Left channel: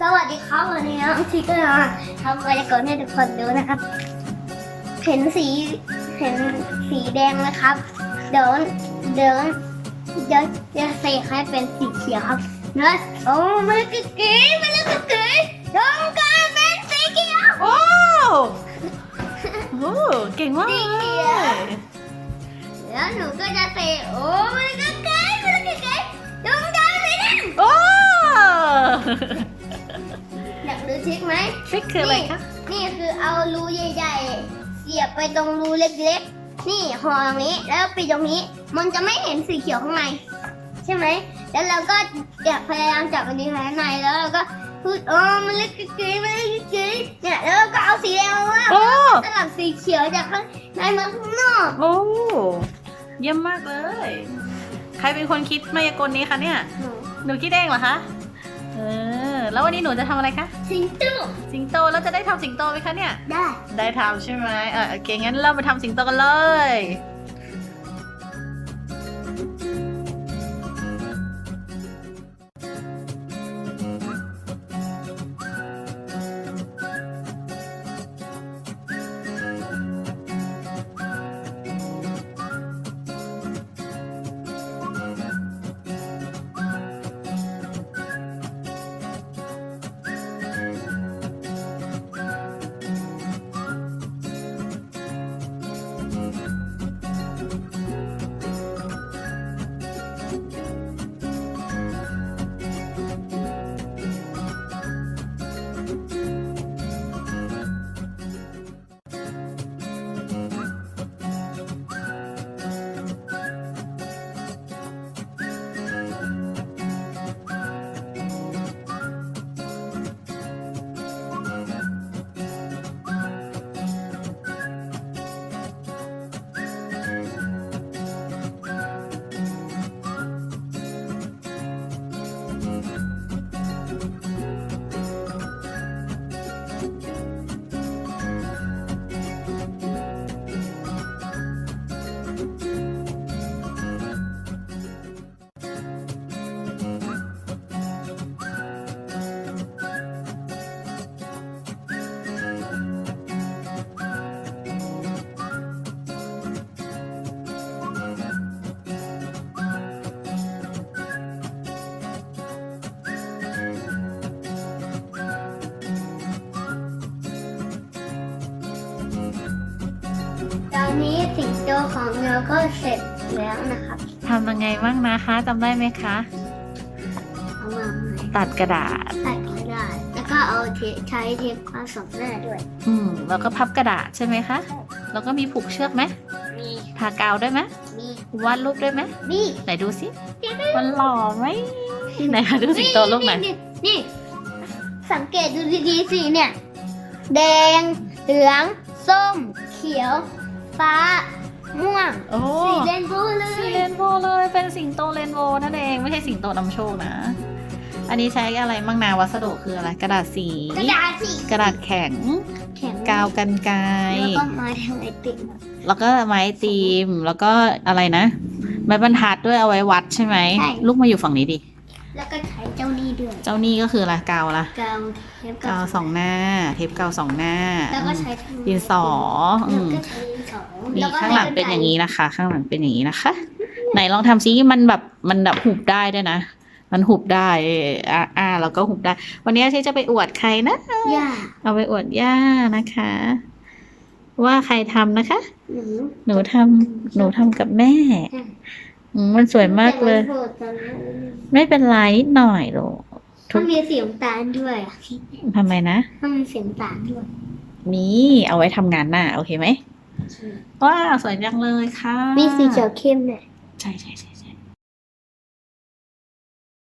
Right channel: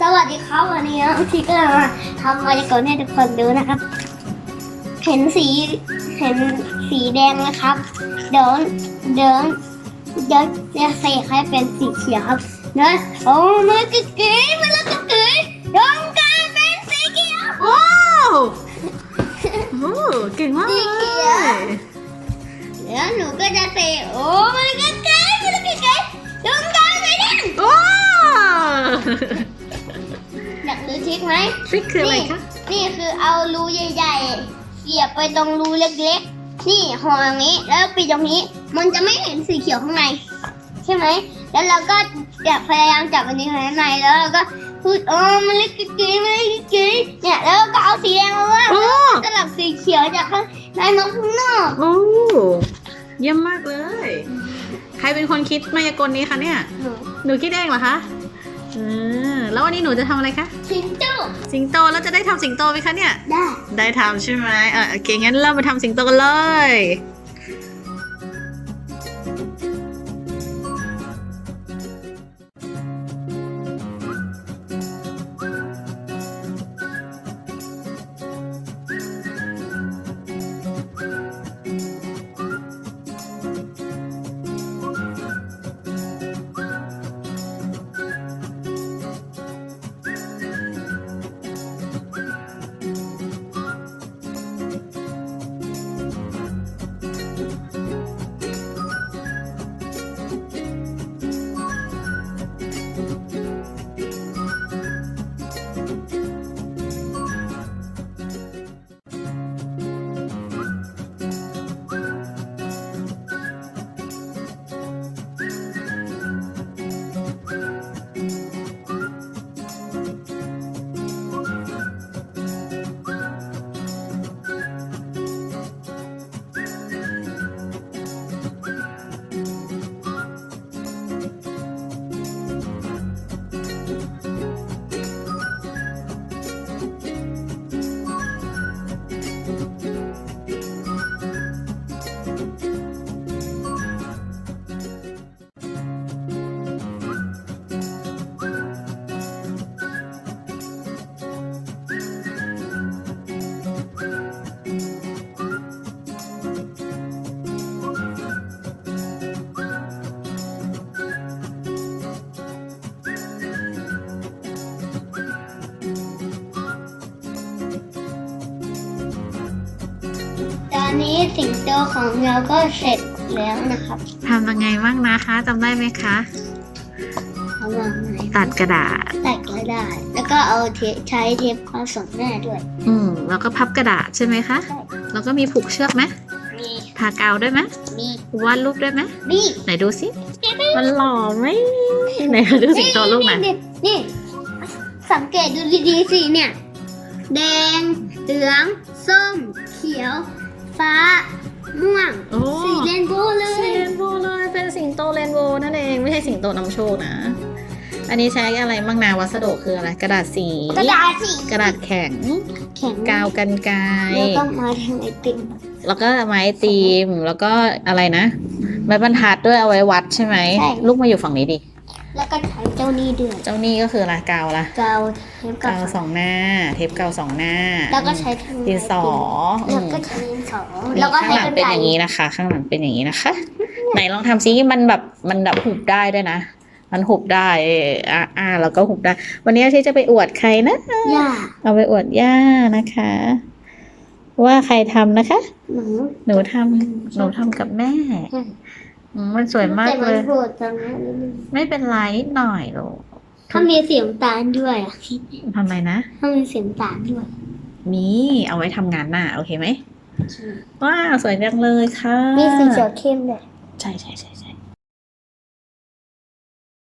สวัสดีครับวันนี้วิธีก็มาทำมายากลให้ทุกคนดูนะครับ เห็นสีเห็นสีแดงนะครับ เดี๋ยวเดี๋ยวเดี๋ยวจะใส่ให้เป็นสีเขียวครับเนอะโอ้มันกึกกึ๋ยมันกึกกึ๋ยดวงกลายเป็นสีเขียวโอ้โหเก่งมากสีเลเขียวยเดี๋ยวหนูก็จะใส่โอ้มันกึกกึ๋ยมันกึกกึ๋ยดวงกลายเป็นแดงโอ้อยากดู ทริคไหมทริคคืออะไรคะนี่คือเอารูใหญ่ๆเสียบไปตรงรูเล็กๆ นี่ห่อตรงนี้แล้วปิดตรงนี้ มันจะไม่เห็นสีเขียวข้างใน ใช่ไหม แล้วเราก็จะพยายามจับมันนี้ข้างในแล้วเราก็พูดเออมันเล็กกิ๊กๆมันเล็กกิ๊กๆเนี่ยแล้วก็เอาสีแดงมาว่าโอ้สลับสีเขียวจากข้างในมาข้างนอกโอ้เยี่ยมมากเลย ใครเป็นคนคิดมายากลนี้คะเนี่ย หนูหนูคิดเองเหรอคะ เออ แล้ววันนี้หนูจะทำอะไรคะสิงโตสิงโตแล้วจะได้ทำสิงโตไหมคะเนี่ย ได้ ได้ทำใช่ไหมเออโอเคงั้นเรามาทำสิงโตกันเลย อนนี้สิงโตของเราก็เสร็จแล้วนะครับทำยังไงบ้างนะคะจำได้ไหมคะ เอาวางไหนตัดกระดาษแตกก็ได้แล้วก็เอาเทปใช้เทปความสดหน้าด้วย อืมแล้วก็พับกระดาษใช่ไหมคะ ใช่ แล้วก็มีผูกเชือกไหมมีทากาวด้วยไหมมีวาดรูปด้วยไหมนี่ไหนดูสิมันหล่อไหมไหนคะดูสิงโตลูกไหนอยนี่นี่ สังเกตดูดีๆสิเนี่ย แดง เหลือง ส้ม เขียว ฟ้า ม่วง โอ้ สีเรนโบว์เลสียเรนโบว์เลยเป็นสิงโตเรนโบว์นั่นเองไม่ใช่สิงโตนำโชคนะ อันนี้ใช้อะไรบ้างนะวัสดุคืออะไรกระดาษสี กระดาษสีกระดาษแข็ง แข็งกาวกันไกรแล้วก็มาทำไอติมแล้วก็ไม้ตีมแล้วก็อะไรนะไม้บรรทัดด้วยเอาไว้วัดใช่ไหมลูกมาอยู่ฝั่งนี้ดิ แล้วก็ใช้เจ้านี่ด้วยเจ้านี่ก็คืออะไรกาวอะไรกาวเทปกาวสองหน้า เทปกาวสองหน้าแล้วก็ใช้ทำดินสอแล้อืวมก็ใช้ดินสอนี่แล้วก็ข้างใช้หลังกระเป็นดาอษย่างนี้นะคะ ข้างหลังเป็นอย่างนี้นะคะ ไหนลองทำซิมันแบบมันแบบหุบได้ด้วยนะมันหุบได้เอออ่าอ่าแล้วก็หุบได้ วันนี้ที่จะไปอวดใครนะย่าเอาไปอวดย่านะคะ ว่าใครทำนะคะ หนูหนูทำหนูทำกับแม่ อืมอืมมันสวยมากเลย แต่นโผล่ตรงนั้นนิดนึงไม่เป็นไรนิดหน่อยหรอกถ้ามีเสียงตาลด้วยอะทำไมนะ ถ้ามีเสียงตาลด้วยมีเอาไว้ทำงานหน้า โอเคไหมว้าวสวยจังเลยค่ะ มีสีเขียวเข้มด้วย ใช่ใช่ใช่ใช่